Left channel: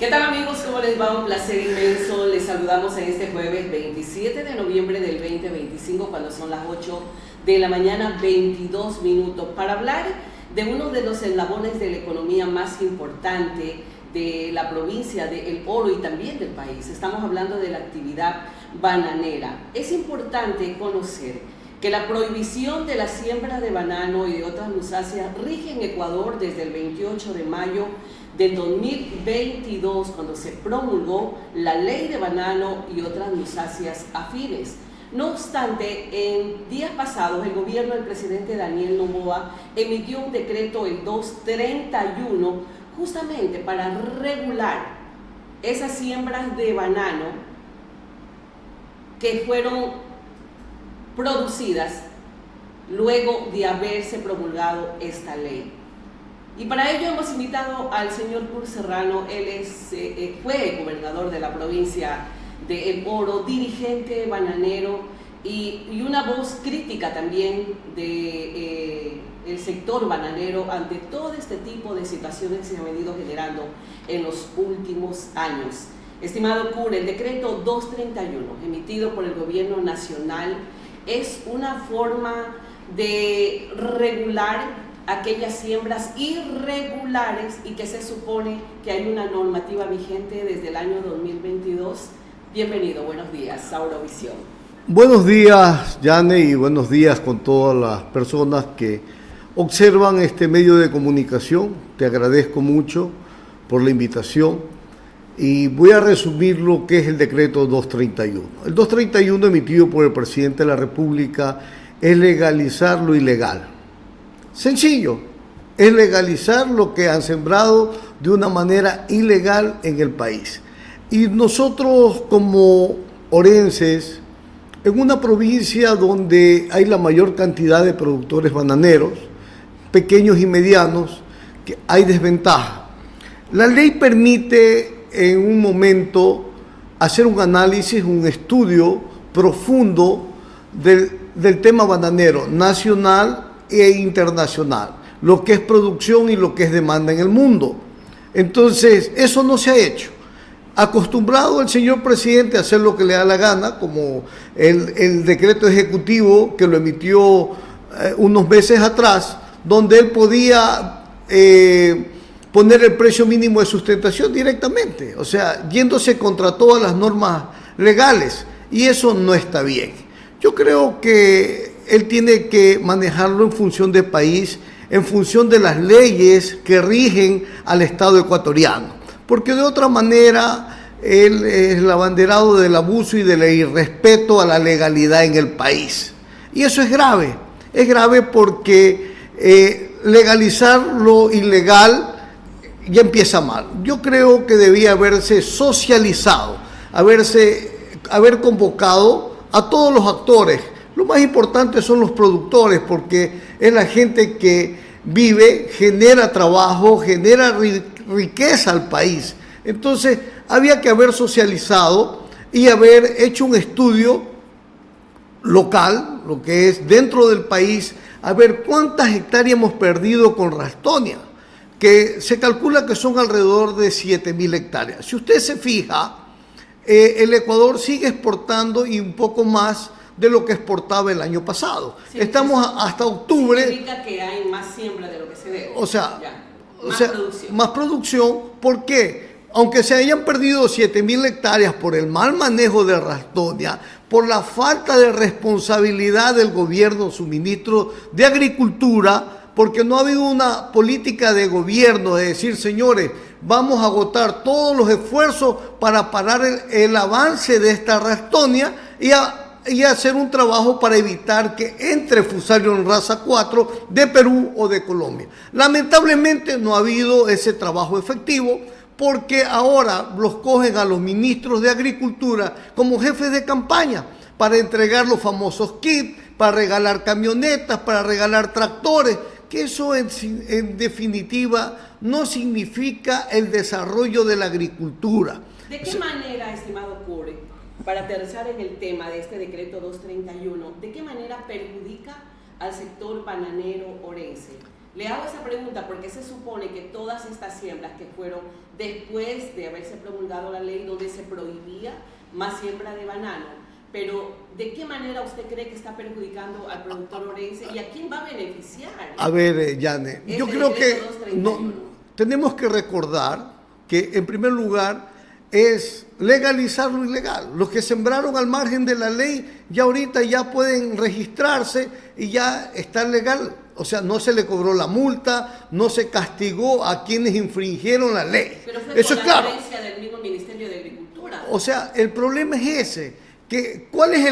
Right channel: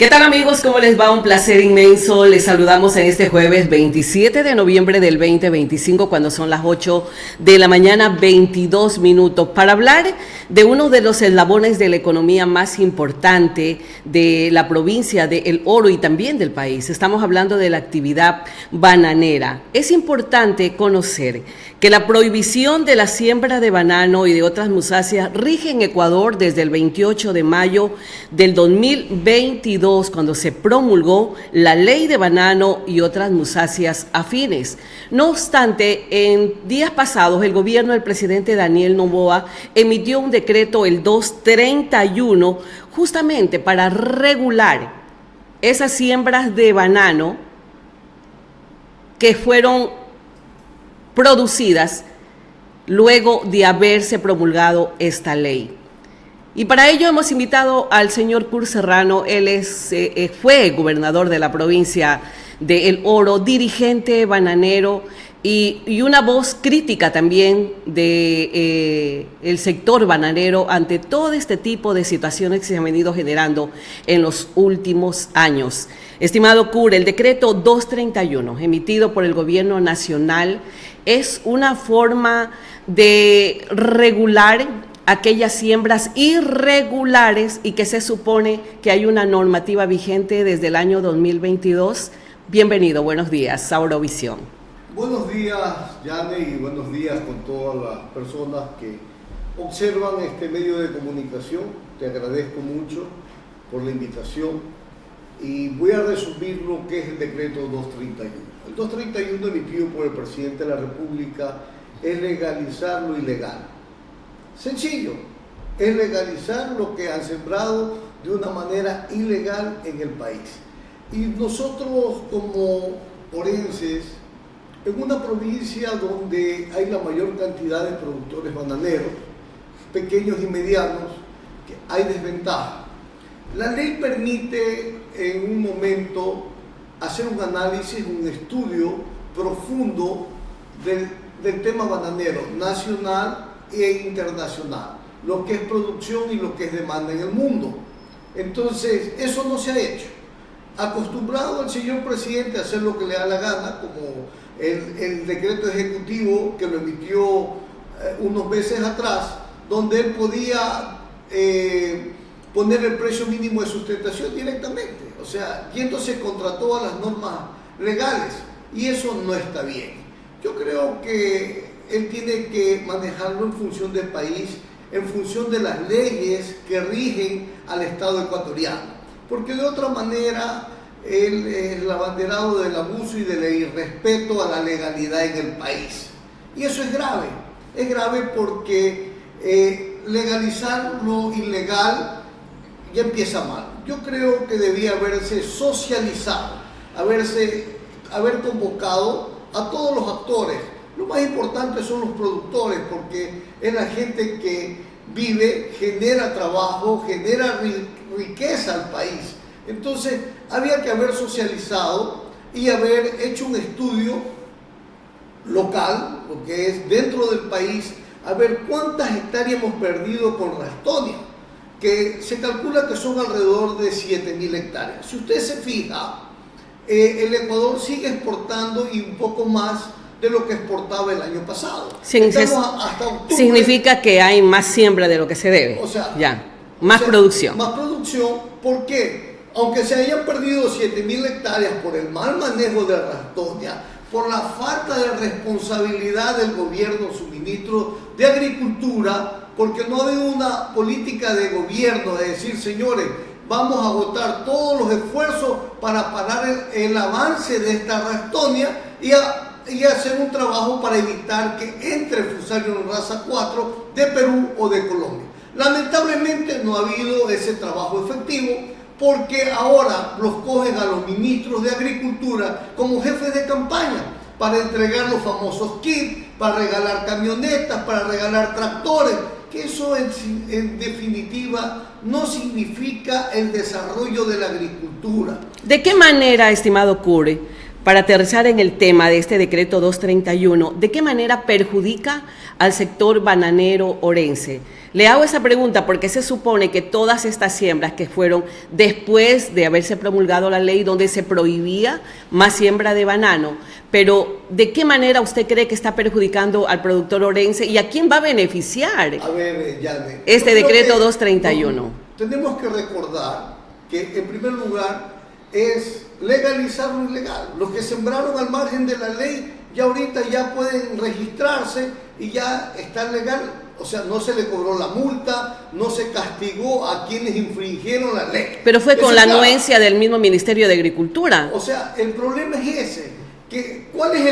¿Qué tal amigos? ¿Cómo les va? Un placer inmenso. Les saludamos en este jueves 27 de noviembre del 2025 cuando son las 8 de la mañana, 22 minutos, para hablar de uno de los eslabones de la economía más importante de la provincia de El Oro y también del país. Estamos hablando de la actividad bananera. Es importante conocer que la prohibición de la siembra de banano y de otras musáceas rige en Ecuador desde el 28 de mayo del 2022, cuando se promulgó la ley de banano y otras musáceas afines. No obstante, en días pasados, el gobierno del presidente Daniel Noboa emitió un decreto, el 231, justamente para regular esas siembras de banano que fueron producidas luego de haberse promulgado esta ley. Y para ello hemos invitado al señor Kurt Serrano. Él fue gobernador de la provincia de El Oro, dirigente bananero y una voz crítica también de el sector bananero ante todo este tipo de situaciones que se han venido generando en los últimos años. Estimado Kurt, el decreto 231 emitido por el gobierno nacional es una forma de regular aquellas siembras irregulares y que se supone que hay una normativa vigente desde el año 2022. Bienvenido, buenos días, Saurovisión. Buenos días, Yane, y buenos días con todas las personas que observan este medio de comunicación. Te agradezco mucho por la invitación. Y voy a resumir lo que es el decreto 231. El 231 emitido por el presidente de la República es legalizar lo ilegal. Sencillo, es legalizar lo que han sembrado de una manera ilegal en el país. Y nosotros como orenses, en una provincia donde hay la mayor cantidad de productores bananeros, pequeños y medianos, que hay desventaja. La ley permite en un momento hacer un análisis, un estudio profundo del tema bananero nacional e internacional, lo que es producción y lo que es demanda en el mundo. Entonces, eso no se ha hecho. Acostumbrado el señor presidente a hacer lo que le da la gana, como el decreto ejecutivo que lo emitió unos meses atrás, donde él podía poner el precio mínimo de sustentación directamente, o sea, yéndose contra todas las normas legales, y eso no está bien. Yo creo que él tiene que manejarlo en función del país, en función de las leyes que rigen al Estado ecuatoriano, porque de otra manera él es el abanderado del abuso y del irrespeto a la legalidad en el país. Y eso es grave porque legalizar lo ilegal ya empieza mal. Yo creo que debía haberse socializado, haber convocado a todos los actores. Lo más importante son los productores, porque es la gente que vive, genera trabajo, genera riqueza al país. Entonces, había que haber socializado y haber hecho un estudio local, lo que es dentro del país, a ver cuántas hectáreas hemos perdido con Ralstonia, que se calcula que son alrededor de 7.000 hectáreas. Si usted se fija, el Ecuador sigue exportando y un poco más de lo que exportaba el año pasado. Sí, estamos hasta octubre. Significa que hay más siembra de lo que se debe. O sea, producción. Más producción, ¿por qué? Aunque se hayan perdido 7.000 hectáreas por el mal manejo de Ralstonia, por la falta de responsabilidad del gobierno, su ministro de Agricultura, porque no ha habido una política de gobierno de decir, señores, vamos a agotar todos los esfuerzos para parar el avance de esta Ralstonia y hacer un trabajo para evitar que entre Fusarium raza 4 de Perú o de Colombia. Lamentablemente no ha habido ese trabajo efectivo, porque ahora los cogen a los ministros de Agricultura como jefes de campaña para entregar los famosos kits, para regalar camionetas, para regalar tractores, que eso en definitiva no significa el desarrollo de la agricultura. ¿De qué manera, estimado Kurt, Para aterrizar en el tema de este decreto 231, ¿de qué manera perjudica al sector bananero orense? Le hago esa pregunta porque se supone que todas estas siembras que fueron después de haberse promulgado la ley donde se prohibía más siembra de banano, pero ¿de qué manera usted cree que está perjudicando al productor orense y a quién va a beneficiar A ver, Yane, este decreto 231? No, tenemos que recordar que en primer lugar es legalizar lo ilegal. Los que sembraron al margen de la ley ya ahorita ya pueden registrarse y ya está legal. O sea, no se le cobró la multa, no se castigó a quienes infringieron la ley. Pero fue Eso con la claro. anuencia del mismo Ministerio de Agricultura. O sea, el problema es ese. ¿Cuál es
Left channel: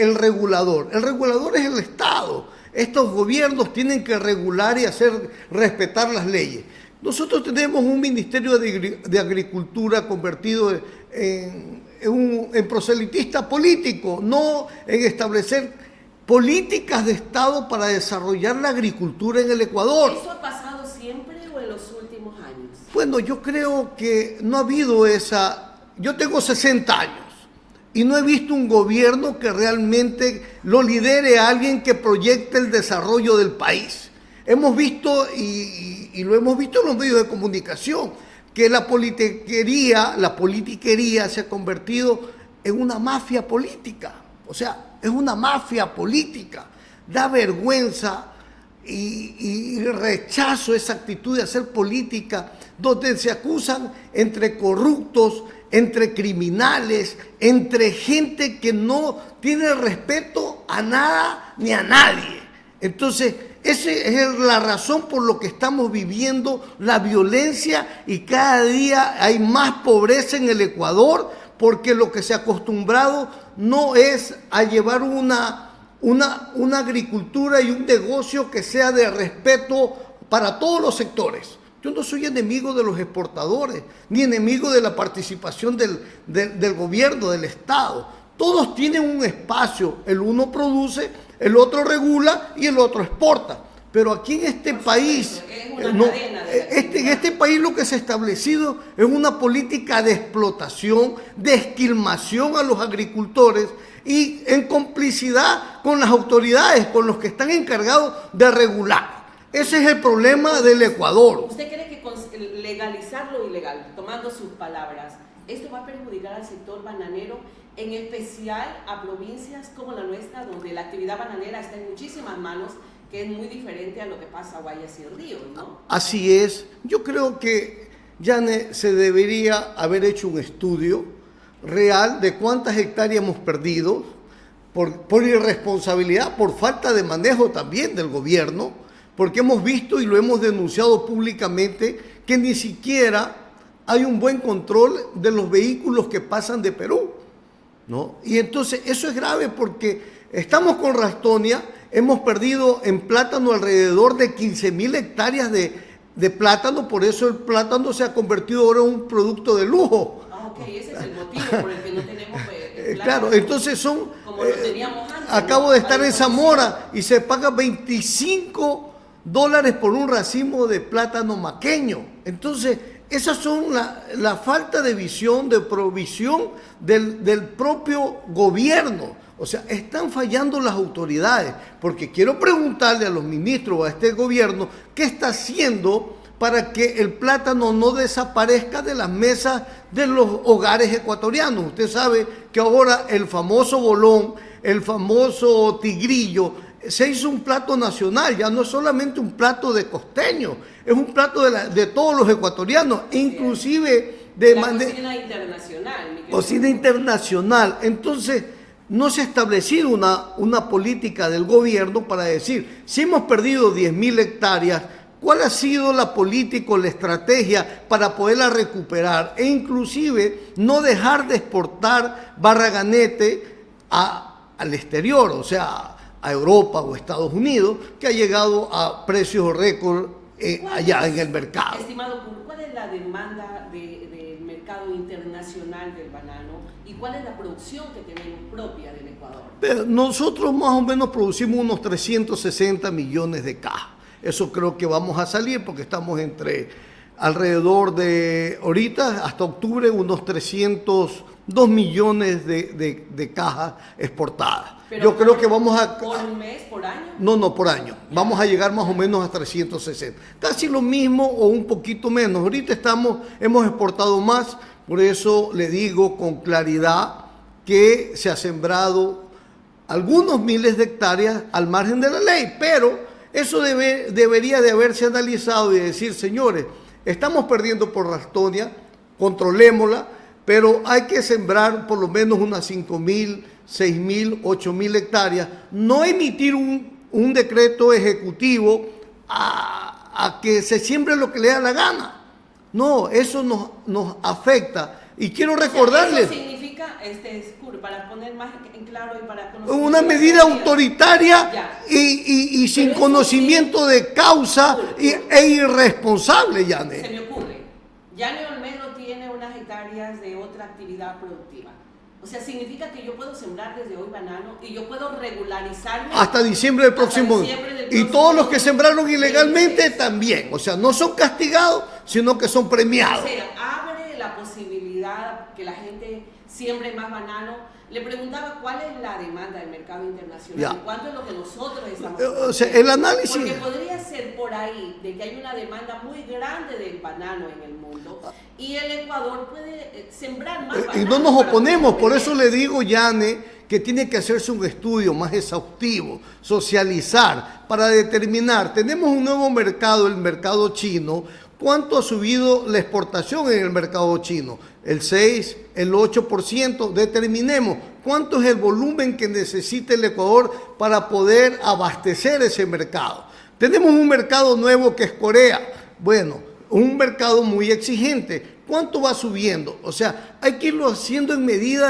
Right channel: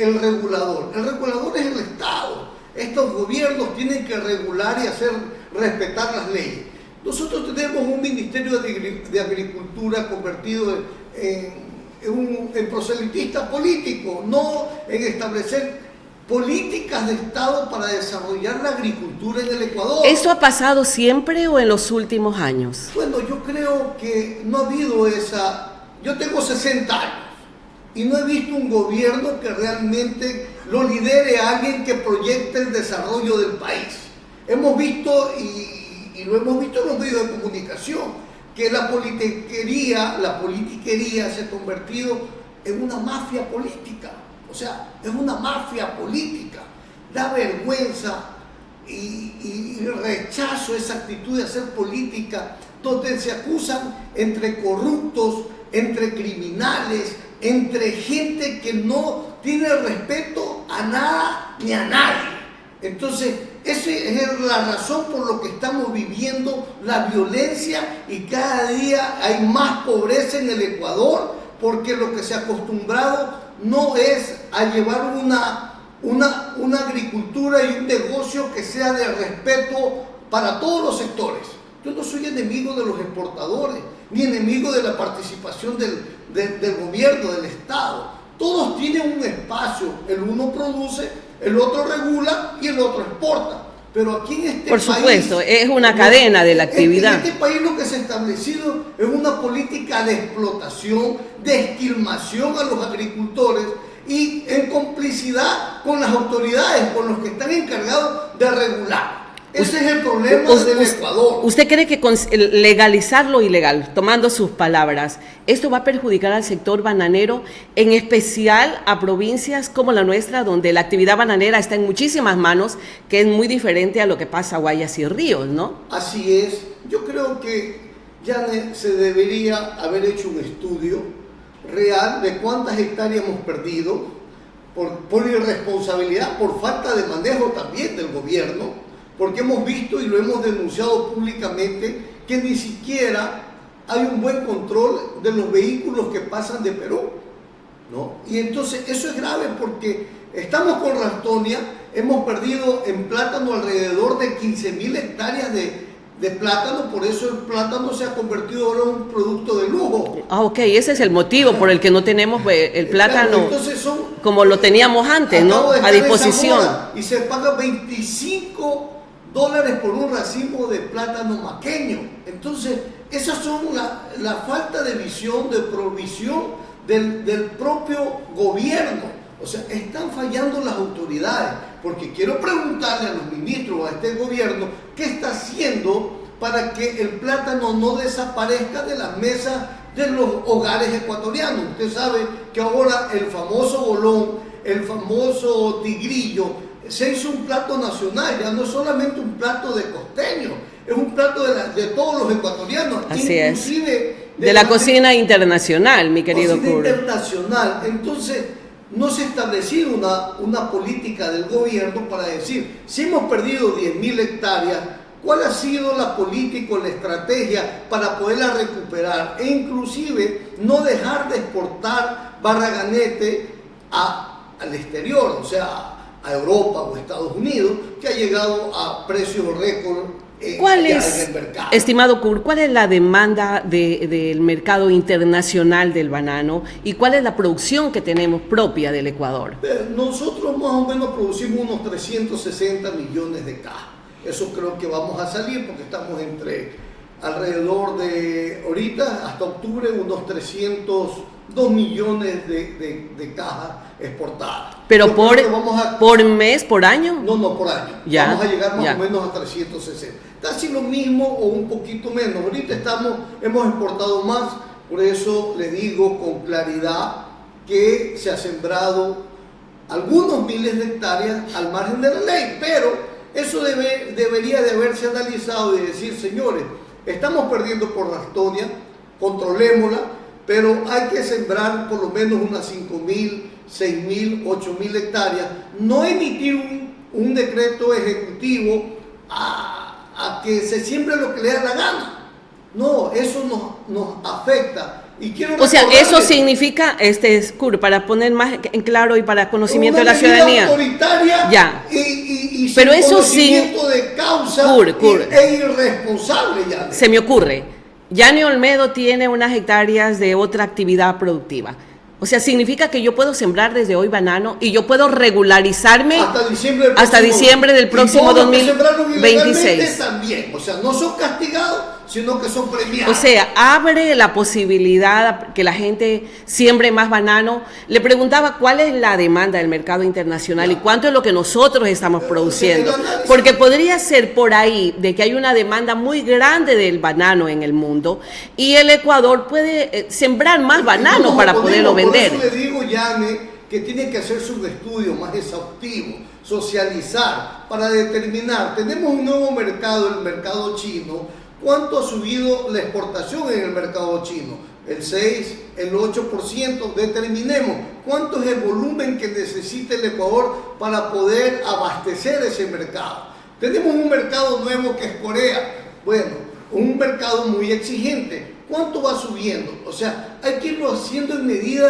el regulador? El regulador es el Estado. Estos gobiernos tienen que regular y hacer respetar las leyes. Nosotros tenemos un Ministerio de Agricultura convertido en proselitista político, no en establecer políticas de Estado para desarrollar la agricultura en el Ecuador. ¿Eso ha pasado siempre o en los últimos años? Bueno, yo creo que no ha habido esa... Yo tengo 60 años y no he visto un gobierno que realmente lo lidere a alguien que proyecte el desarrollo del país. Hemos visto, y lo hemos visto en los medios de comunicación, que la politiquería se ha convertido en una mafia política. O sea, es una mafia política. Da vergüenza y rechazo esa actitud de hacer política, donde se acusan entre corruptos, entre criminales, entre gente que no tiene respeto a nada ni a nadie. Entonces, esa es la razón por lo que estamos viviendo la violencia y cada día hay más pobreza en el Ecuador, porque lo que se ha acostumbrado no es a llevar una agricultura y un negocio que sea de respeto para todos los sectores. Yo no soy enemigo de los exportadores, ni enemigo de la participación del gobierno, del Estado. Todos tienen un espacio, el uno produce, el otro regula y el otro exporta. Pero aquí en este país... Por supuesto, es una cadena de la actividad. En este país lo que se ha establecido es una política de explotación, de esquilmación a los agricultores y en complicidad con las autoridades, con los que están encargados de regular. Ese es el problema del Ecuador. ¿Usted cree que con legalizar lo ilegal, tomando sus palabras, esto va a perjudicar al sector bananero, en especial a provincias como la nuestra, donde la actividad bananera está en muchísimas manos, que es muy diferente a lo que pasa a Guayas y Ríos, ¿no? Así es. Yo creo que, Yane, se debería haber hecho un estudio real de cuántas hectáreas hemos perdido por irresponsabilidad, por falta de manejo también del gobierno, porque hemos visto y lo hemos denunciado públicamente que ni siquiera hay un buen control de los vehículos que pasan de Perú, ¿no? Y entonces eso es grave porque estamos con Rastonia, hemos perdido en plátano alrededor de 15.000 hectáreas de plátano, por eso el plátano se ha convertido ahora en un producto de lujo. Ah, ok, ese es el motivo por el que no tenemos el plátano claro, entonces como lo teníamos antes, ¿no? A disposición. Y se paga $25 por un racimo de plátano maqueño. Entonces, esas son la falta de visión, de provisión del propio gobierno. O sea, están fallando las autoridades, porque quiero preguntarle a los ministros, a este gobierno, ¿qué está haciendo para que el plátano no desaparezca de las mesas de los hogares ecuatorianos? Usted sabe que ahora el famoso bolón, el famoso tigrillo, se hizo un plato nacional, ya no es solamente un plato de costeño, es un plato de todos los ecuatorianos, así inclusive de la cocina internacional, mi querido cocina internacional. Entonces, no se ha establecido una política del gobierno para decir, si hemos perdido 10.000 hectáreas, ¿cuál ha sido la política o la estrategia para poderla recuperar? E inclusive no dejar de exportar barraganete al exterior, o sea, a Europa o Estados Unidos, que ha llegado a precios récord allá en el mercado. Estimado Kurt, ¿cuál es la demanda del mercado internacional del banano y cuál es la producción que tenemos propia del Ecuador? Nosotros más o menos producimos unos 360 millones de cajas. Eso creo que vamos a salir porque estamos alrededor de ahorita hasta octubre unos 300 2 millones de cajas exportadas. Pero Yo creo que vamos por mes, por año. No, por año. Ya, vamos a llegar más ya. o menos a 360. Casi lo mismo o un poquito menos. Ahorita hemos exportado más, por eso le digo con claridad que se ha sembrado algunos miles de hectáreas al margen de la ley, pero eso debería de haberse analizado y decir, señores, estamos perdiendo por Rastonia, controlémosla, pero hay que sembrar por lo menos unas 5.000, 6.000, 8.000 hectáreas, no emitir un decreto ejecutivo a que se siembre lo que le da la gana. No, eso nos afecta. Y quiero eso significa, para poner más en claro y para conocimiento de la ciudadanía. Una medida autoritaria ya. y pero sin eso conocimiento de causa e irresponsable, Yane. Se me ocurre, Yane Olmedo tiene unas hectáreas de otra actividad productiva. O sea, significa que yo puedo sembrar desde hoy banano y yo puedo regularizarme hasta diciembre del próximo 2026. Y todos los que sembraron ilegalmente también. O sea, no son castigados, sino que son premiados. O sea, abre la posibilidad que la gente siembre más banano. Le preguntaba cuál es la demanda del mercado internacional y cuánto es lo que nosotros estamos produciendo. Porque podría ser por ahí de que hay una demanda muy grande del banano en el mundo y el Ecuador puede sembrar más banano para poderlo vender. Por eso le digo, Yane, que tiene que hacerse un estudio más exhaustivo, socializar, para determinar, tenemos un nuevo mercado, el mercado chino. ¿Cuánto ha subido la exportación en el mercado chino? El 6, el 8%. Determinemos cuánto es el volumen que necesita el Ecuador para poder abastecer ese mercado. Tenemos un mercado nuevo que es Corea. Bueno, un mercado muy exigente. ¿Cuánto va subiendo? O sea, hay que irlo haciendo en medida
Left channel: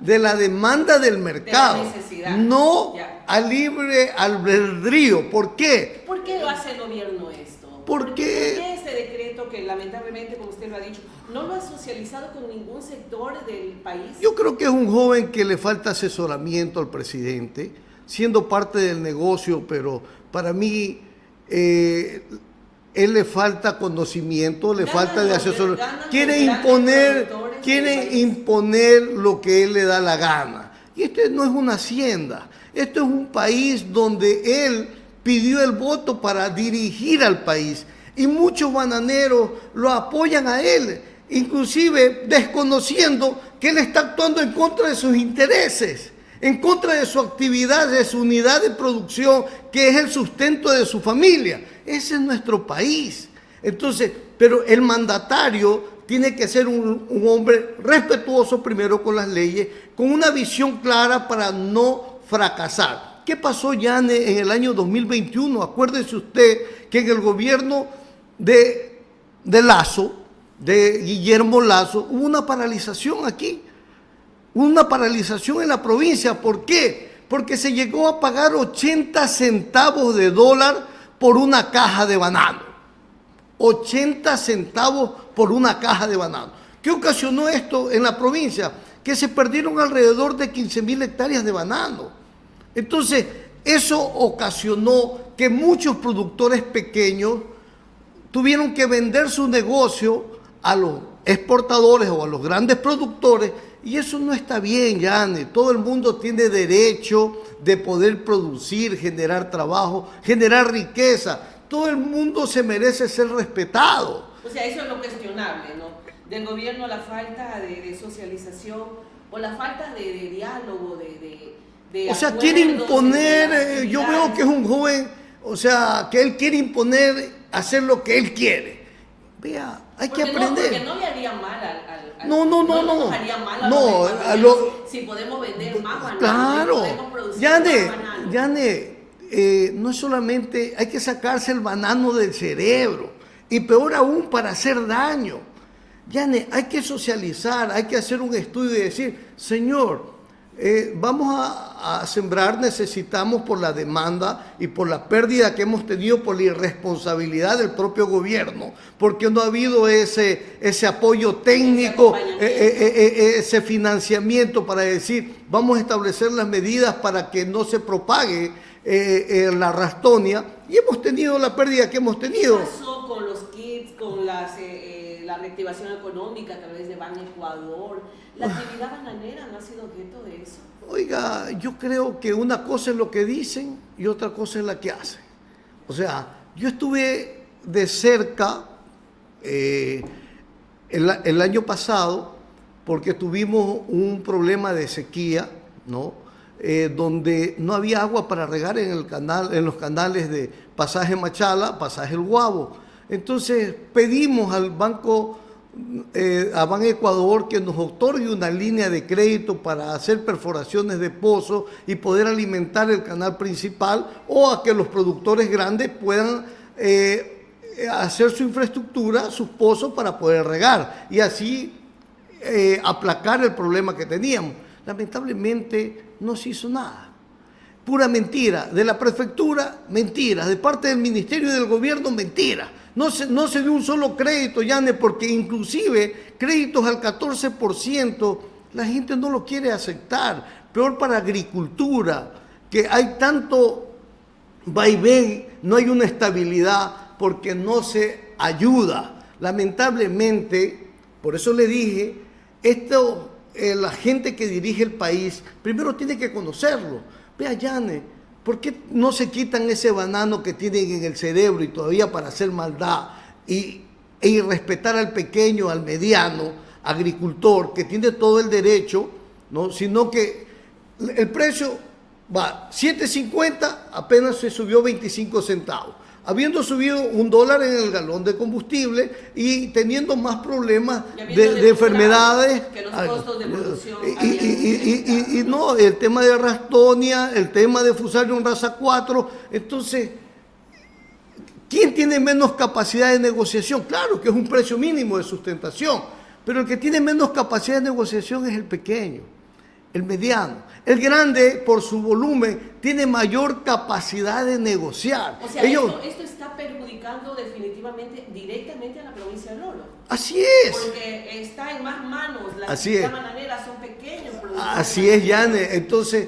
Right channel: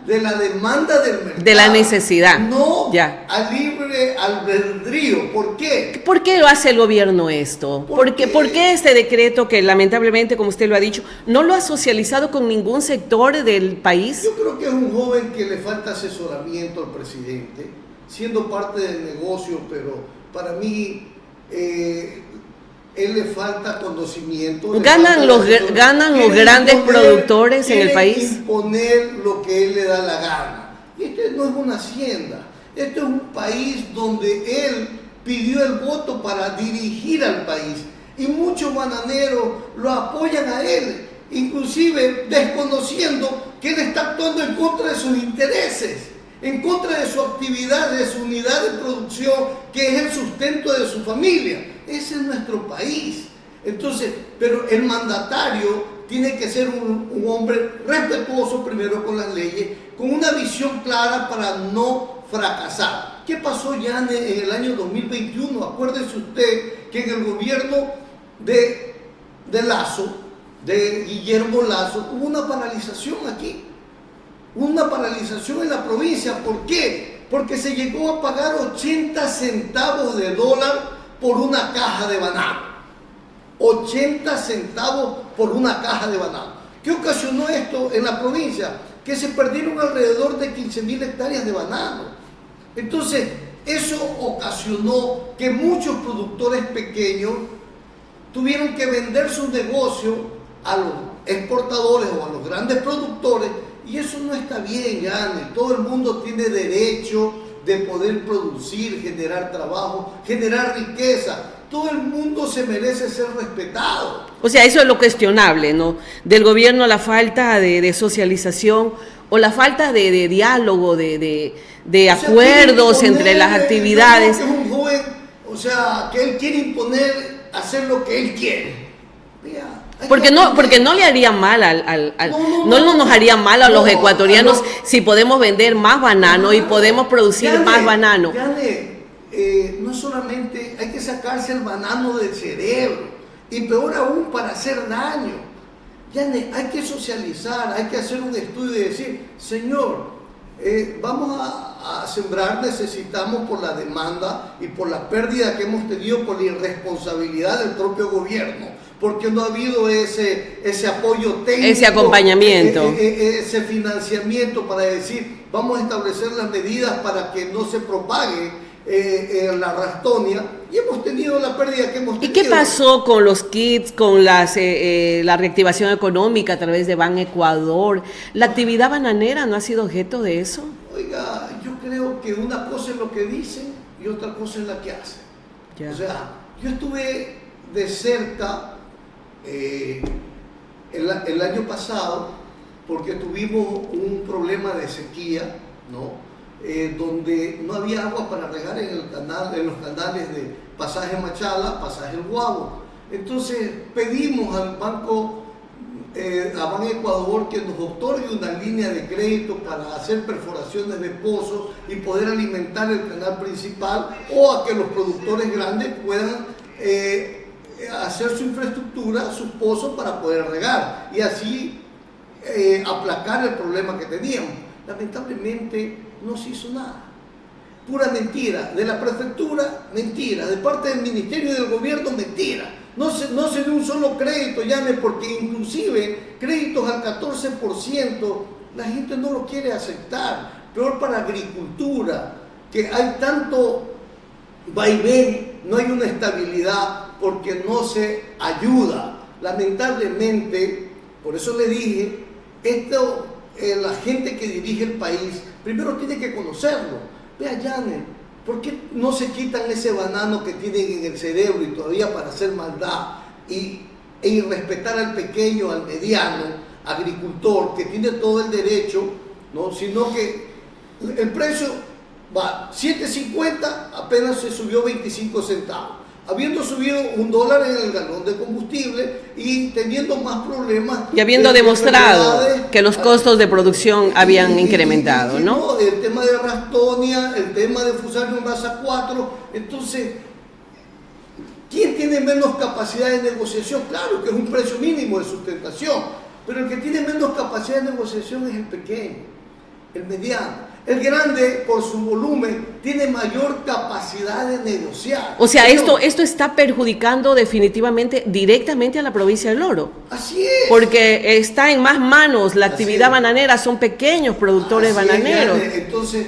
de la demanda del mercado. De la necesidad. No a libre albedrío. ¿Por qué? ¿Por qué lo hace el gobierno esto? ¿Por qué este decreto que lamentablemente, como usted lo ha dicho, no lo ha socializado con ningún sector del país? Yo creo que es un joven que le falta asesoramiento al presidente, siendo parte del negocio, pero para mí él le falta conocimiento. ¿Ganan los grandes productores en el país? Imponer lo que él le da la gana. Y esto no es una hacienda. Esto es un país donde él pidió el voto para dirigir al país. Y muchos bananeros lo apoyan a él, inclusive desconociendo que él está actuando en contra de sus intereses, en contra de su actividad, de su unidad de producción, que es el sustento de su familia. Ese es nuestro país. Entonces, pero el mandatario tiene que ser un hombre respetuoso primero con las leyes, con una visión clara para no fracasar. ¿Qué pasó, Yane, en el año 2021? Acuérdese usted que en el gobierno de Lazo, de Guillermo Lazo, hubo una paralización aquí. Una paralización en la provincia. ¿Por qué? Porque se llegó a pagar 80 centavos de dólar por una caja de banano. 80 centavos por una caja de banano. ¿Qué ocasionó esto en la provincia? Que se perdieron alrededor de 15.000 hectáreas de banano. Entonces, eso ocasionó que muchos productores pequeños tuvieron que vender su negocio a los exportadores o a los grandes productores, y eso no está bien, Yane. Todo el mundo tiene derecho de poder producir, generar trabajo, generar riqueza. Todo el mundo se merece ser respetado. O sea, eso es lo cuestionable, ¿no? Del gobierno, la falta de socialización o la falta de diálogo, de acuerdos entre las actividades. Yo creo que es un joven, o sea, que él quiere imponer, hacer lo que él quiere. Vea. Porque no le haría mal no nos haría mal a los ecuatorianos si podemos vender más banano, y podemos producir más banano. No solamente hay que sacarse el banano del cerebro, y peor aún para hacer daño. Yane, hay que socializar, hay que hacer un estudio y decir, señor, vamos a sembrar, necesitamos por la demanda y por la pérdida que hemos tenido por la irresponsabilidad del propio gobierno, porque no ha habido ese apoyo técnico, ese acompañamiento, ese financiamiento para decir, vamos a establecer las medidas para que no se propague la Rastonia, y hemos tenido la pérdida que hemos tenido. ¿Y qué pasó con los kits, con la reactivación económica a través de Ban Ecuador? ¿La actividad bananera no ha sido objeto de eso? Oiga, yo creo que una cosa es lo que dicen y otra cosa es la que hacen. Ya. O sea, yo estuve de cerca el año pasado porque tuvimos un problema de sequía, ¿no? Donde no había agua para regar en los canales de Pasaje Machala, Pasaje El Guabo. Entonces pedimos al banco, a Ban Ecuador, que nos otorgue una línea de crédito para hacer perforaciones de pozos y poder alimentar el canal principal, o a que los productores grandes puedan hacer su infraestructura, sus pozos para poder regar y así aplacar el problema que teníamos. Lamentablemente no se hizo nada. Pura mentira. De la prefectura, mentira. De parte del ministerio y del gobierno, mentira. No se dio un solo crédito, Yane, porque inclusive créditos al 14%, la gente no lo quiere aceptar. Peor para agricultura, que hay tanto vaivén, no hay una estabilidad porque no se ayuda. Lamentablemente, por eso le dije, la gente que dirige el país primero tiene que conocerlo. Vea, Yane, ¿por qué no se quitan ese banano que tienen en el cerebro y todavía para hacer maldad y respetar al pequeño, al mediano agricultor que tiene todo el derecho, ¿no? Sino que el precio va 7.50, apenas se subió 25 centavos. Habiendo subido $1 en el galón de combustible y teniendo más problemas. Y habiendo demostrado que los costos de producción habían incrementado, ¿no? ¿no? El tema de Rastonia, el tema de Fusarium Raza 4. Entonces, ¿quién tiene menos capacidad de negociación? Claro que es un precio mínimo de sustentación, pero el que tiene menos capacidad de negociación es el pequeño, el mediano. El grande, por su volumen, tiene mayor capacidad de negociar. O sea, esto está perjudicando definitivamente, directamente a la provincia del Oro. Así es. Porque está en más manos la actividad bananera, son pequeños productores bananeros. Entonces,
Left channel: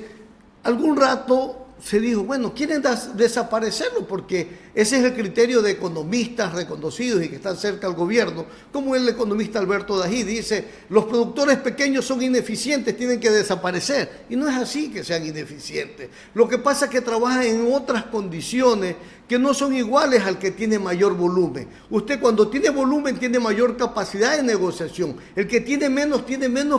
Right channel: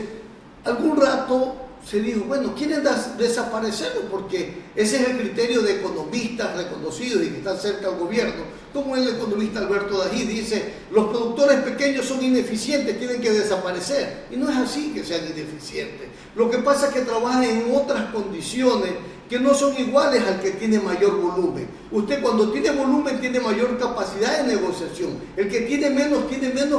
algún rato se dijo, bueno, quieren desaparecerlo porque ese es el criterio de economistas reconocidos y que están cerca al gobierno, como el economista Alberto Dají dice, los productores pequeños son ineficientes, tienen que desaparecer. Y no es así que sean ineficientes. Lo que pasa es que trabajan en otras condiciones que no son iguales al que tiene mayor volumen. Usted cuando tiene volumen tiene mayor capacidad de negociación. El que tiene menos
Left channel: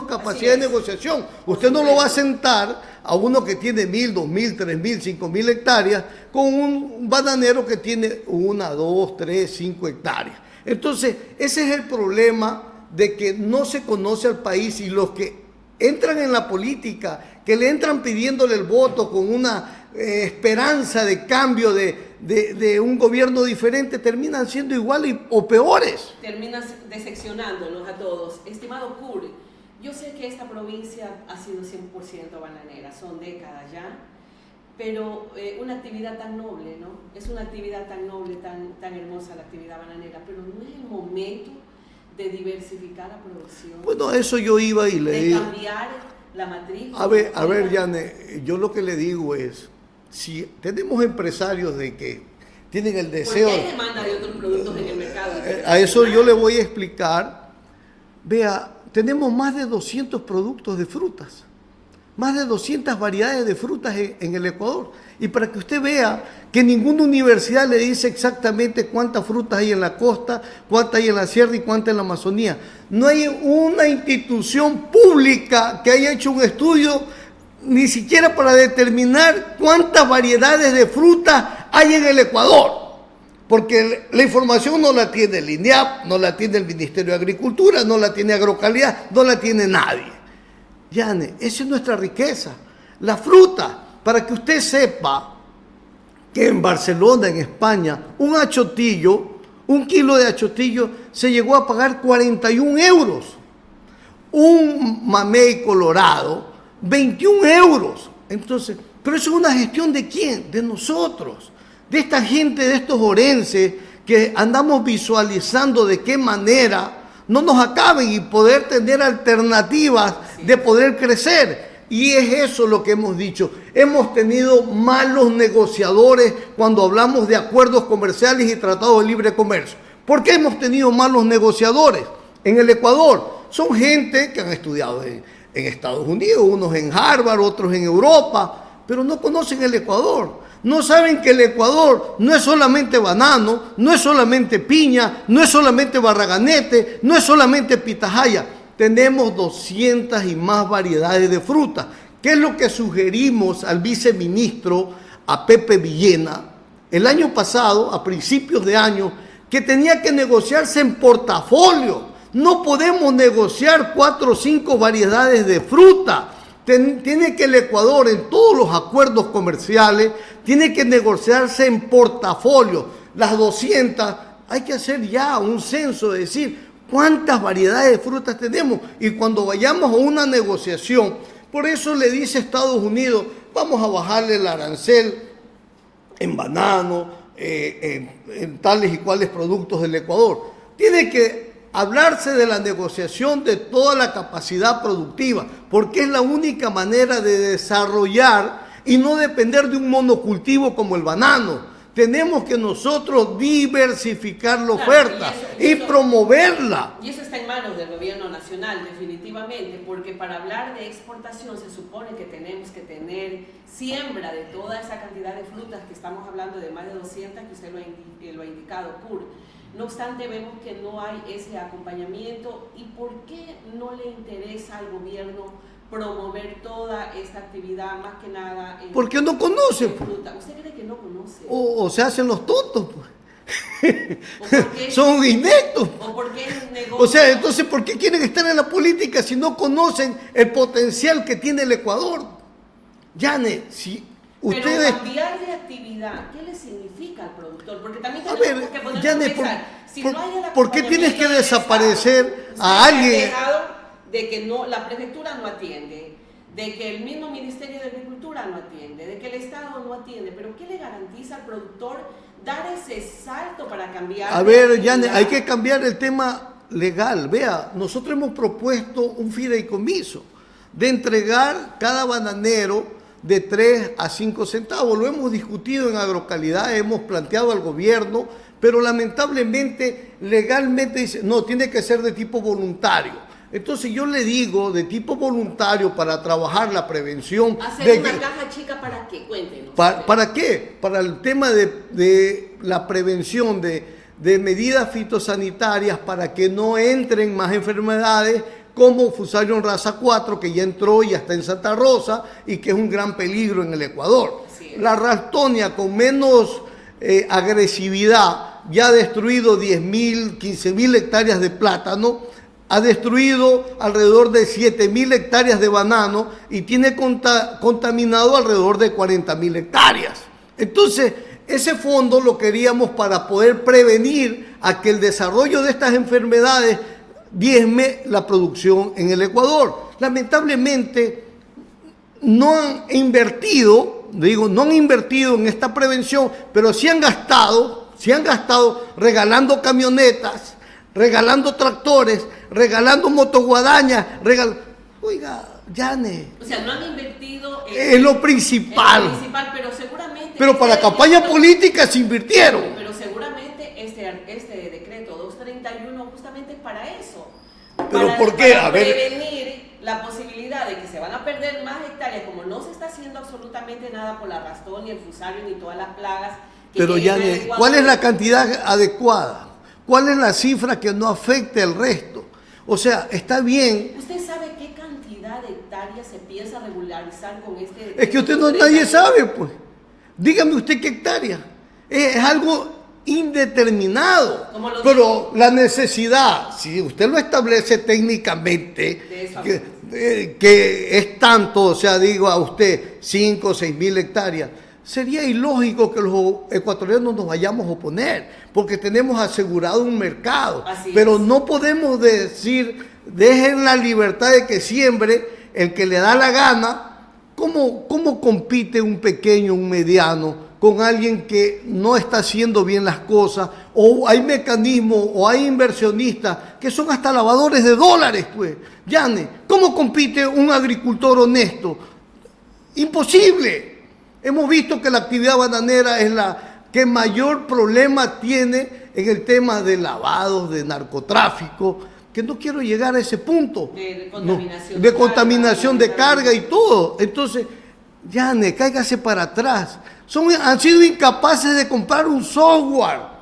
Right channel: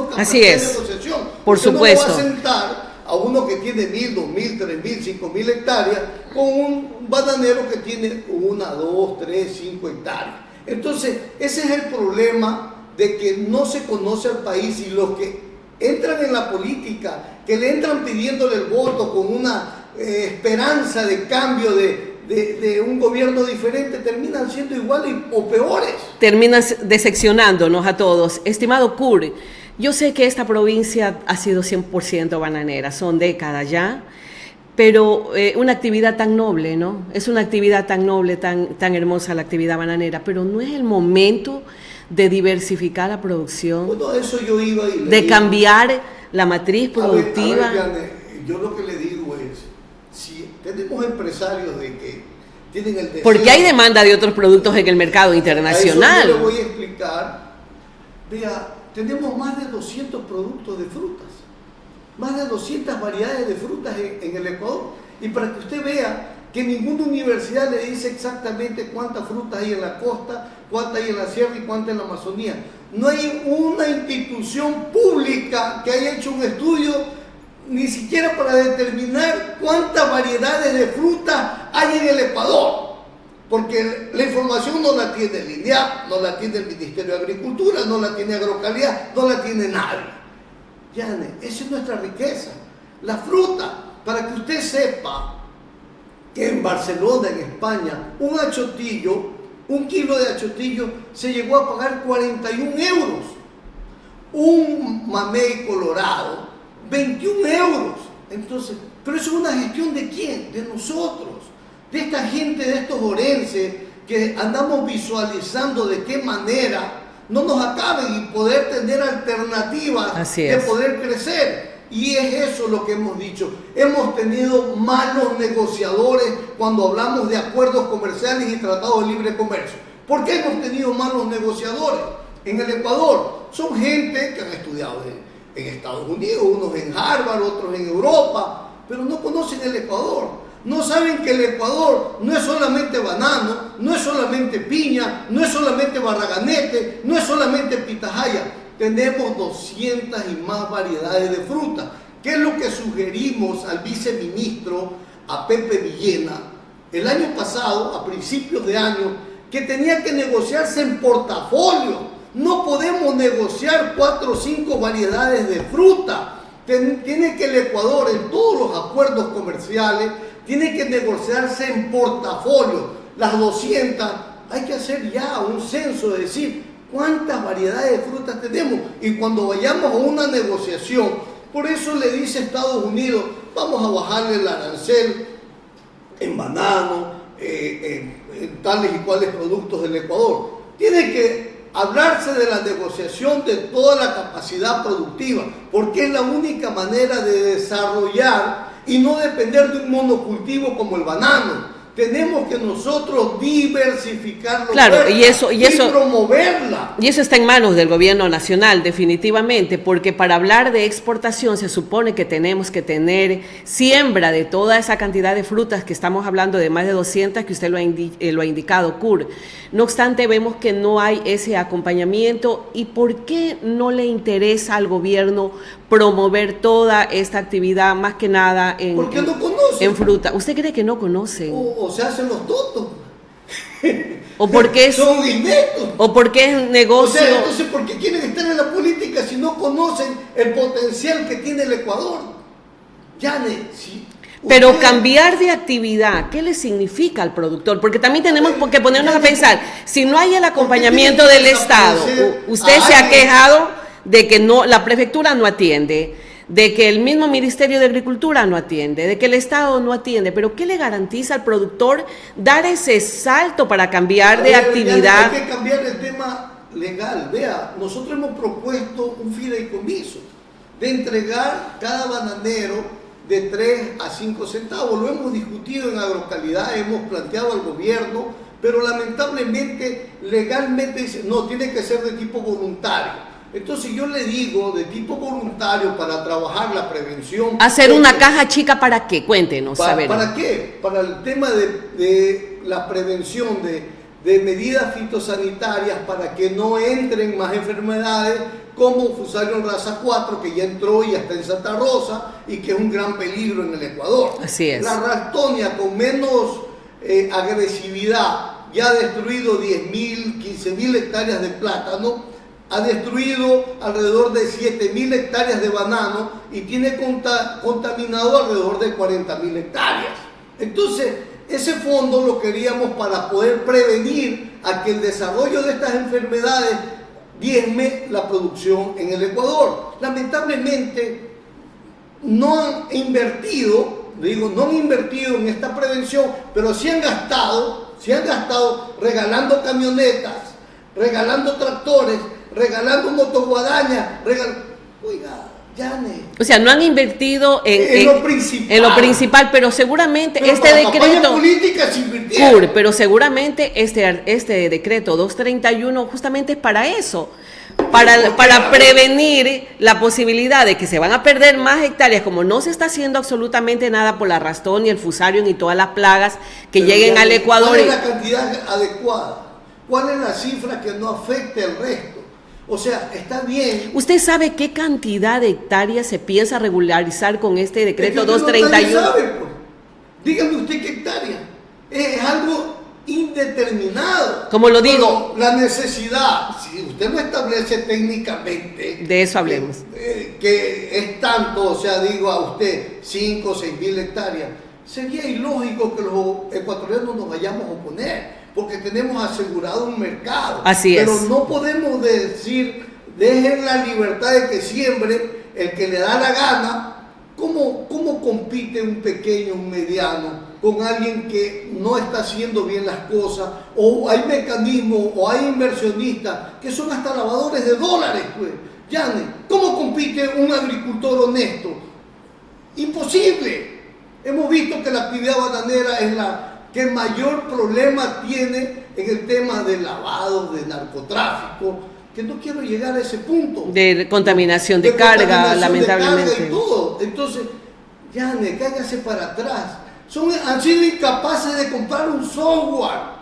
capacidad de negociación. Por Usted supuesto. no va a sentar a uno que tiene 1.000, 2.000, 3.000, 5.000 hectáreas con un bananero que tiene 1, 2, 3, 5 hectáreas. Entonces, ese es el problema de que no se conoce al país y los que entran en la política, que le entran pidiéndole el voto con una esperanza de cambio de un gobierno diferente, terminan siendo iguales o peores. Terminan decepcionándonos a todos. Estimado Curi, yo sé que esta provincia ha sido 100% bananera, son décadas ya, pero una actividad tan noble, ¿no? Es una actividad tan noble, tan hermosa la actividad bananera, pero no es el momento de diversificar la producción. Bueno, eso yo iba y le de digo, cambiar la matriz productiva. A ver, Yane, yo lo que le digo es, si tenemos empresarios de que tienen el deseo... Porque hay demanda de otros productos en el mercado internacional. A eso yo le voy a explicar. Vea, tenemos más de 200 productos de frutas, más de 200 variedades de frutas en el Ecuador. Y para que usted vea que ninguna universidad le dice exactamente cuántas frutas hay en la costa, cuántas hay en la sierra y cuántas en la Amazonía. No hay una institución pública que haya hecho un estudio ni siquiera para determinar cuántas variedades de frutas hay en el Ecuador. Porque la información no la tiene el INEAP, no la tiene el Ministerio de Agricultura, no la tiene Agrocalidad, no la tiene nadie. Yane, esa es nuestra riqueza. La fruta, para que usted sepa que en Barcelona, en España, un kilo de achotillo se llegó a pagar 41 euros. Un mamey colorado, 21 euros. Entonces, pero eso es una gestión ¿de quién? De nosotros. De esta gente, de estos orenses, que andamos visualizando de qué manera no nos acaben y poder tener alternativas de poder crecer. Y es eso lo que hemos dicho. Hemos tenido malos negociadores cuando hablamos de acuerdos comerciales y tratados de libre comercio. ¿Por qué hemos tenido malos negociadores? En el Ecuador son gente que han estudiado en Estados Unidos, unos en Harvard, otros en Europa, pero no conocen el Ecuador. No saben que el Ecuador no es solamente banano, no es solamente piña, no es solamente barraganete, no es solamente pitahaya. Tenemos 200 y más variedades de frutas. ¿Qué es lo que sugerimos al viceministro, a Pepe Villena, el año pasado, a principios de año, que tenía que negociarse en portafolio? No podemos negociar 4 o 5 variedades de fruta. Tiene que el Ecuador, en todos los acuerdos comerciales, tiene que negociarse en portafolio. Las 200, hay que hacer ya un censo de decir cuántas variedades de frutas tenemos. Y cuando vayamos a una negociación, por eso le dice Estados Unidos, vamos a bajarle el arancel en banano, en tales y cuales productos del Ecuador. Tiene que hablarse de la negociación de toda la capacidad productiva, porque es la única manera de desarrollar y no depender de un monocultivo como el banano. Tenemos que nosotros diversificar la oferta y promoverla. Y eso está en manos del gobierno nacional, definitivamente, porque para hablar de exportación se supone que tenemos que tener siembra de toda esa cantidad de frutas que estamos hablando, de más de 200 que usted lo ha indicado, Kurt. No obstante, vemos que no hay ese acompañamiento. ¿Y por qué no le interesa al gobierno promover toda esta actividad, más que nada porque no conocen en fruta? ¿Usted cree que no conocen? O se hacen los tontos. O porque son ineptos. O porque es negocio. O sea, entonces, ¿por qué quieren estar en la política si no conocen el potencial que tiene el Ecuador? Yane, si pero ustedes... cambiar de actividad, ¿qué le significa al productor? Porque también tenemos que ponernos a pensar, si no hay el acompañamiento del Estado, usted se ha quejado de que no, la prefectura no atiende, de que el mismo Ministerio de Agricultura no atiende, de que el Estado no atiende, pero ¿qué le garantiza al productor dar ese salto para cambiar de actividad? Hay que cambiar el tema legal. Vea, nosotros hemos propuesto un fideicomiso de entregar cada bananero de 3 a 5 centavos. Lo hemos discutido en Agrocalidad, hemos planteado al gobierno, pero lamentablemente legalmente dice, no, tiene que ser de tipo voluntario. Entonces yo le digo, de tipo voluntario, para trabajar la prevención. ¿Hacer una caja chica para qué? Cuéntenos. ¿Para qué? Para el tema de la prevención de medidas fitosanitarias para que no entren más enfermedades como Fusarium raza 4, que ya entró y ya está en Santa Rosa y que es un gran peligro en el Ecuador. Así es. La Ralstonia, con menos agresividad, ya ha destruido 10.000, 15.000 hectáreas de plátano, ha destruido alrededor de 7.000 hectáreas de banano y tiene contaminado alrededor de 40.000 hectáreas. Entonces, ese fondo lo queríamos para poder prevenir a que el desarrollo de estas enfermedades diezme la producción en el Ecuador. Lamentablemente no han invertido en esta prevención, pero sí han gastado regalando camionetas, regalando tractores, regalando motoguadañas, oiga, Yane. O sea, no han invertido en lo principal. En lo principal, pero seguramente pero para la campaña política se invirtieron. Pero seguramente este decreto 231 justamente es para eso. Para prevenir la posibilidad de que se van a perder más hectáreas, como no se está haciendo absolutamente nada por la Ralstonia, el Fusarium y todas las plagas que pero lleguen al Ecuador. ¿Cuál es la cantidad adecuada? ¿Cuál es la cifra que no afecte el resto? O sea, está bien. ¿Usted sabe qué cantidad de hectáreas se piensa regularizar con este decreto es que 231? Nadie sabe, pues. Dígame usted qué hectárea. Es algo indeterminado. Como lo digo. Pero la necesidad, si usted lo establece técnicamente. De eso hablemos. Que es tanto, o sea, digo a usted, 5 o 6.000 hectáreas. Sería ilógico que los ecuatorianos nos vayamos a oponer, porque tenemos asegurado un mercado. Así pero es. no podemos decir, dejen la libertad de que siembre el que le da la gana. ¿Cómo compite un pequeño, un mediano, con alguien que no está haciendo bien las cosas? O hay mecanismos, o hay inversionistas que son hasta lavadores de dólares, pues. Yane, ¿cómo compite un agricultor honesto? Imposible. Hemos visto que la actividad bananera es la que mayor problema tiene en el tema de lavado, de narcotráfico, que no quiero llegar a ese punto. De contaminación de carga, contaminación de carga y todo. Entonces, Yane, cáigase para atrás. Han sido incapaces de comprar un software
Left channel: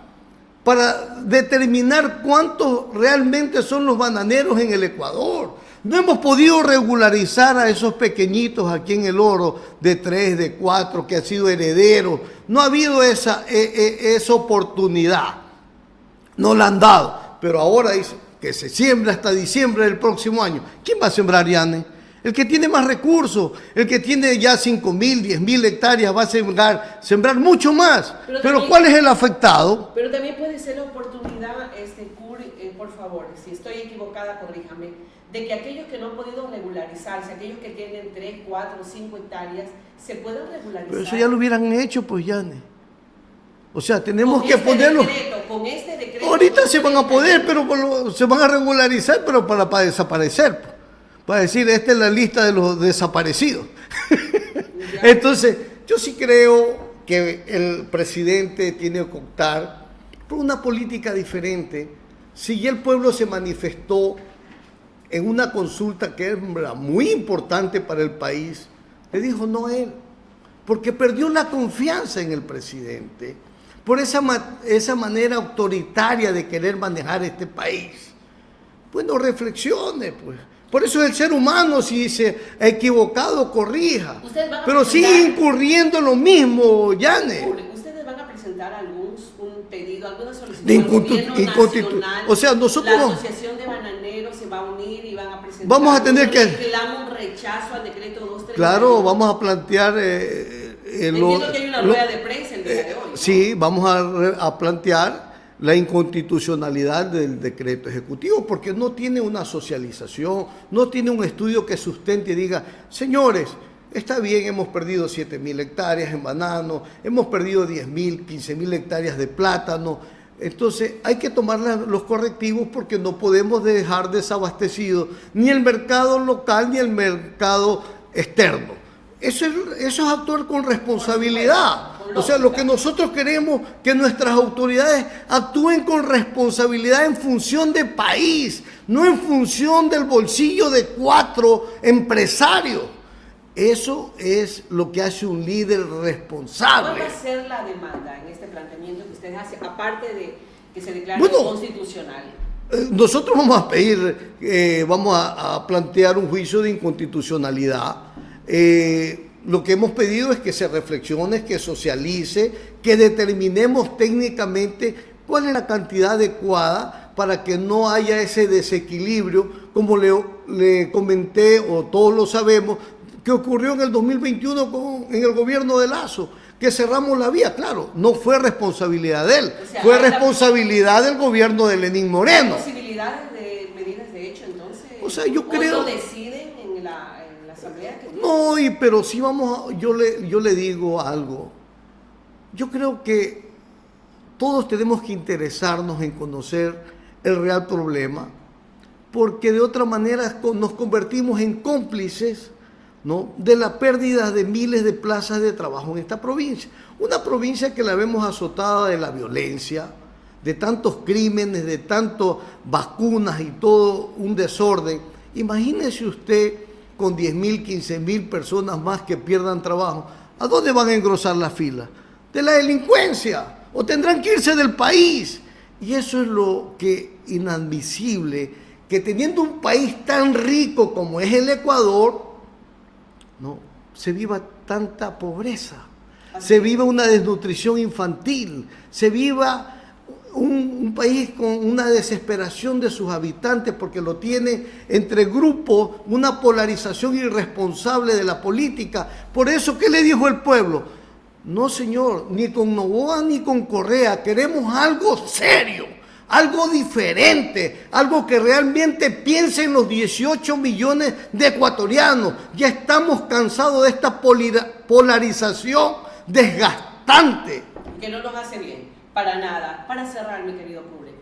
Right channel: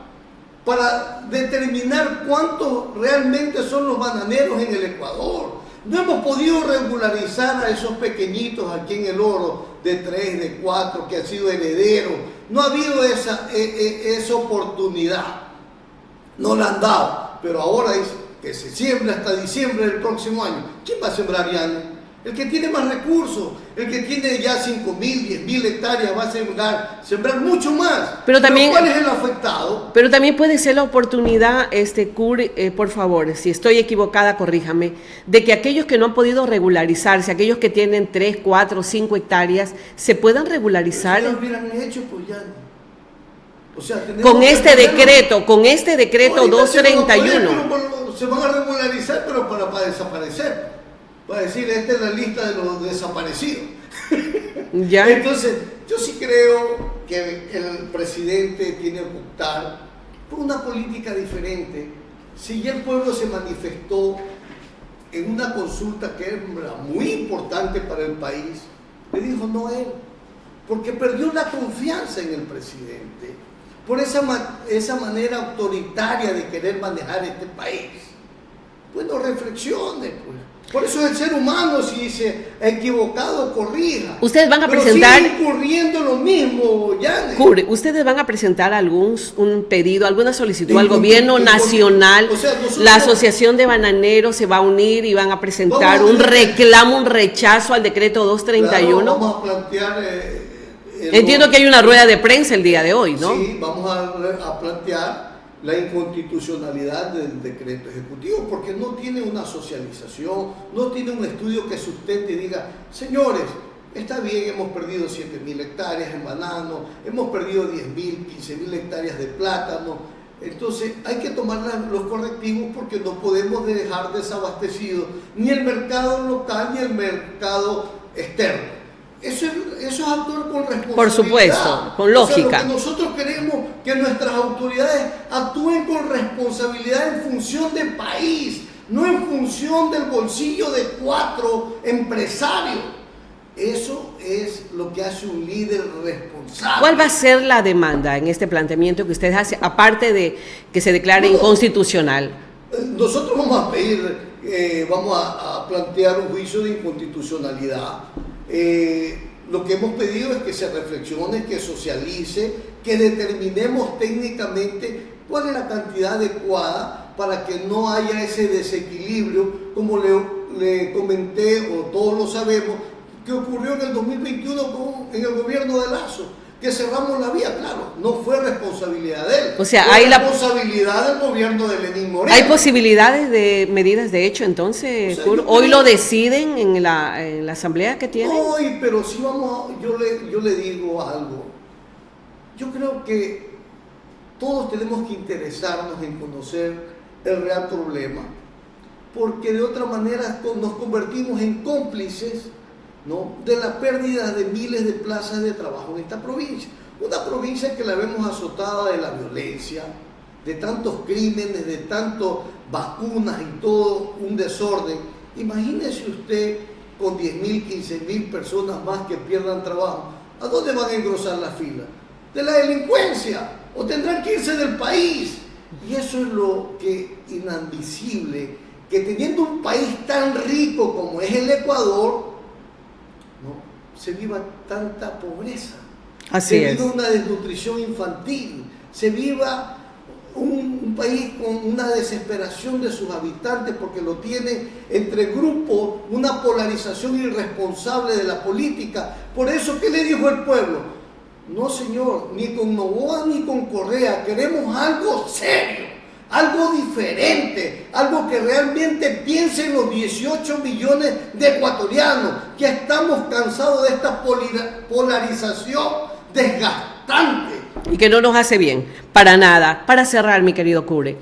para determinar cuántos realmente son los bananeros en el Ecuador. No hemos podido regularizar a esos pequeñitos aquí en el Oro de 3, de 4, que han sido herederos. No ha habido esa oportunidad. No la han dado. Pero ahora dice que se siembra hasta diciembre del próximo año. ¿Quién va a sembrar, Yane? El que tiene más recursos, el que tiene ya 5.000, 10.000 hectáreas va a sembrar mucho más. Pero ¿cuál es el afectado? Pero también puede ser la oportunidad, por favor, si estoy equivocada, corríjame, de que aquellos que no han podido regularizarse, aquellos que tienen 3, 4, 5 hectáreas, se puedan regularizar. Pero si ya lo hubieran hecho, pues ya. O sea, tenemos con este decreto 231. Se van a regularizar, pero para desaparecer. Va a decir, esta es la lista de los desaparecidos. ¿Ya? Entonces, yo sí creo que el presidente tiene que optar por una política diferente. Si ya el pueblo se manifestó en una consulta que era muy importante para el país, le dijo no a él, porque perdió la confianza en el presidente, por esa manera autoritaria de querer manejar este país. Bueno, reflexione, pues. Por eso el ser humano, si se ha equivocado, corrija. Ustedes van a pero presentar... sigue incurriendo lo mismo, Yane. Ustedes van a presentar un pedido, alguna solicitud al gobierno nacional. O sea, la Asociación de Bananeros se va a unir y van a presentar un reclamo, un rechazo al decreto 231. Claro, vamos a plantear... Entiendo que hay una rueda de prensa el día de hoy, ¿no? Sí, vamos a plantear la inconstitucionalidad del decreto ejecutivo, porque no tiene una socialización, no tiene un estudio que sustente y diga, señores, está bien, hemos perdido 7.000 hectáreas en banano, hemos perdido 10.000, 15.000 hectáreas de plátano, entonces hay que tomar los correctivos porque no podemos dejar desabastecido ni el mercado local ni el mercado externo. Eso es actuar con responsabilidad. Por supuesto, con lógica. O sea, lo que nosotros queremos que nuestras autoridades actúen con responsabilidad en función del país, no en función del bolsillo de 4 empresarios. Eso es lo que hace un líder responsable. ¿Cuál va a ser la demanda en este planteamiento que ustedes hacen, aparte de que se declare inconstitucional? Nosotros vamos a pedir, vamos a plantear un juicio de inconstitucionalidad. Lo que hemos pedido es que se reflexione, que socialice, que determinemos técnicamente cuál es la cantidad adecuada para que no haya ese desequilibrio, como le comenté, o todos lo sabemos, que ocurrió en el 2021 en el gobierno de Lazo, que cerramos la vía. Claro, no fue responsabilidad de él, o sea, fue responsabilidad del gobierno de Lenín Moreno. ¿Hay posibilidades de medidas de hecho entonces? O sea, ¿hoy lo deciden en la asamblea que tienen? Hoy, pero sí yo le digo algo. Yo creo que todos tenemos que interesarnos en conocer el real problema, porque de otra manera nos convertimos en cómplices, ¿no?, de la pérdida de miles de plazas de trabajo en esta provincia. Una provincia que la vemos azotada de la violencia, de tantos crímenes, de tantas vacunas y todo un desorden. Imagínese usted con 10.000, 15.000 personas más que pierdan trabajo. ¿A dónde van a engrosar la fila? De la delincuencia, o tendrán que irse del país. Y eso es lo que inadmisible, que teniendo un país tan rico como es el Ecuador, ¿no?, se viva tanta pobreza, se viva una desnutrición infantil, se viva un país con una desesperación de sus habitantes porque lo tiene entre grupos, una polarización irresponsable de la política. Por eso, ¿qué le dijo el pueblo? No, señor, ni con Noboa ni con Correa, queremos algo serio, algo diferente, algo que realmente piense en los 18 millones de ecuatorianos. Ya estamos cansados de esta polarización desgastante. Y que no nos hace bien, para nada. Para cerrar, mi querido Cure,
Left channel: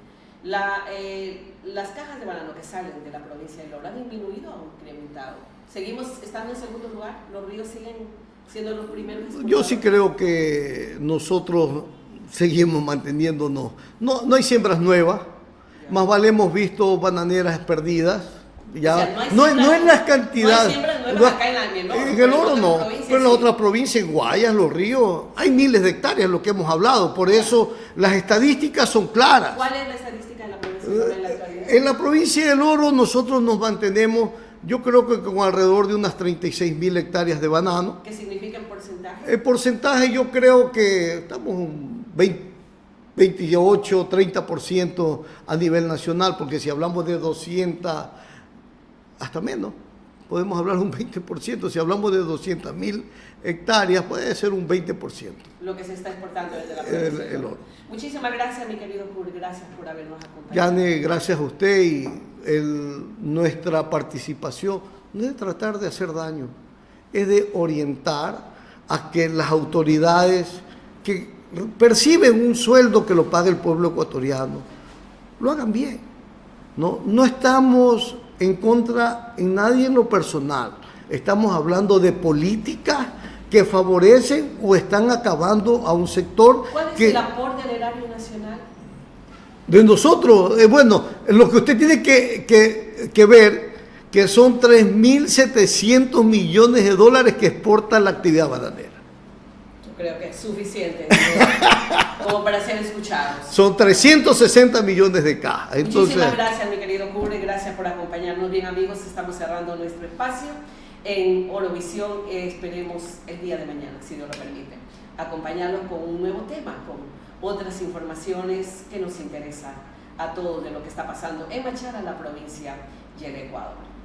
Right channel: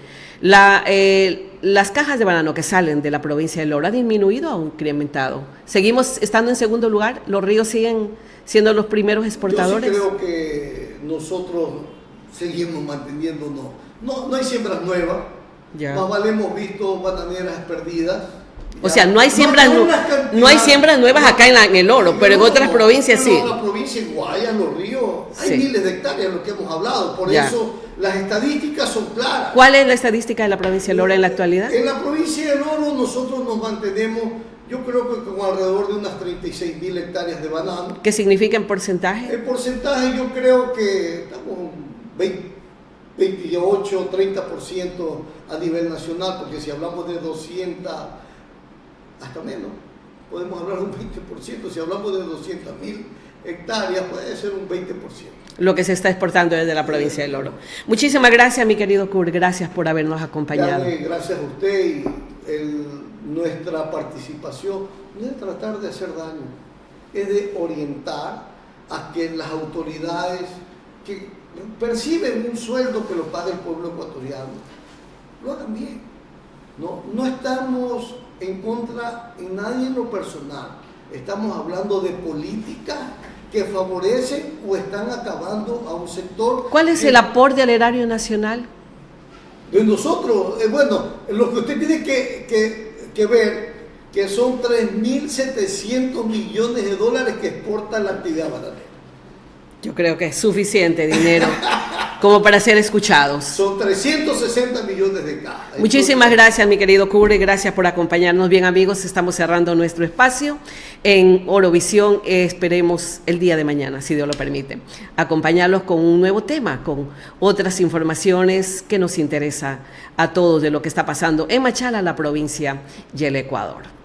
las cajas de banano que salen de la provincia del Oro, ¿ha disminuido o ha incrementado? ¿Seguimos estando en segundo lugar? ¿Los ríos siguen siendo los primeros exportadores? Yo sí creo que nosotros seguimos manteniéndonos. No hay siembras nuevas, más vale hemos visto bananeras perdidas. O sea, no hay siembras nuevas acá en el Oro, pero en otras provincias sí. En otras provincias, en Guayas, Los Ríos, hay miles de hectáreas, lo que hemos hablado. Por eso las estadísticas son claras. ¿Cuál es la estadística de la provincia del Oro en la actualidad? En la provincia del Oro nosotros nos mantenemos, yo creo que con alrededor de unas 36.000 hectáreas de banano. ¿Qué significa en porcentaje? El porcentaje yo creo que estamos 28, 30% a nivel nacional, porque si hablamos de 200, hasta menos, podemos hablar de un 20%, si hablamos de 200.000 hectáreas, puede ser un 20%. Lo que se está exportando desde la provincia del Oro. Muchísimas gracias, mi querido Kurt, gracias por habernos acompañado. Yane, gracias a usted y nuestra participación no es tratar de hacer daño, es de orientar a que las autoridades que perciben un sueldo que lo paga el pueblo ecuatoriano, lo hagan bien. No estamos en contra en nadie en lo personal, estamos hablando de políticas que favorecen o están acabando a un sector. ¿Cuál es el aporte al erario nacional? De nosotros, bueno, lo que usted tiene que ver, que son 3.700 millones de dólares que exporta la actividad bananera. Yo creo que es suficiente dinero como para ser escuchados. Son 360 millones de cajas. Muchísimas gracias, mi querido Kurt, gracias por acompañarnos. Bien, amigos, estamos cerrando nuestro espacio en Orovisión. Esperemos el día de mañana, si Dios lo permite, acompañarlos con un nuevo tema, con otras informaciones que nos interesa a todos de lo que está pasando en Machala, la provincia y el Ecuador.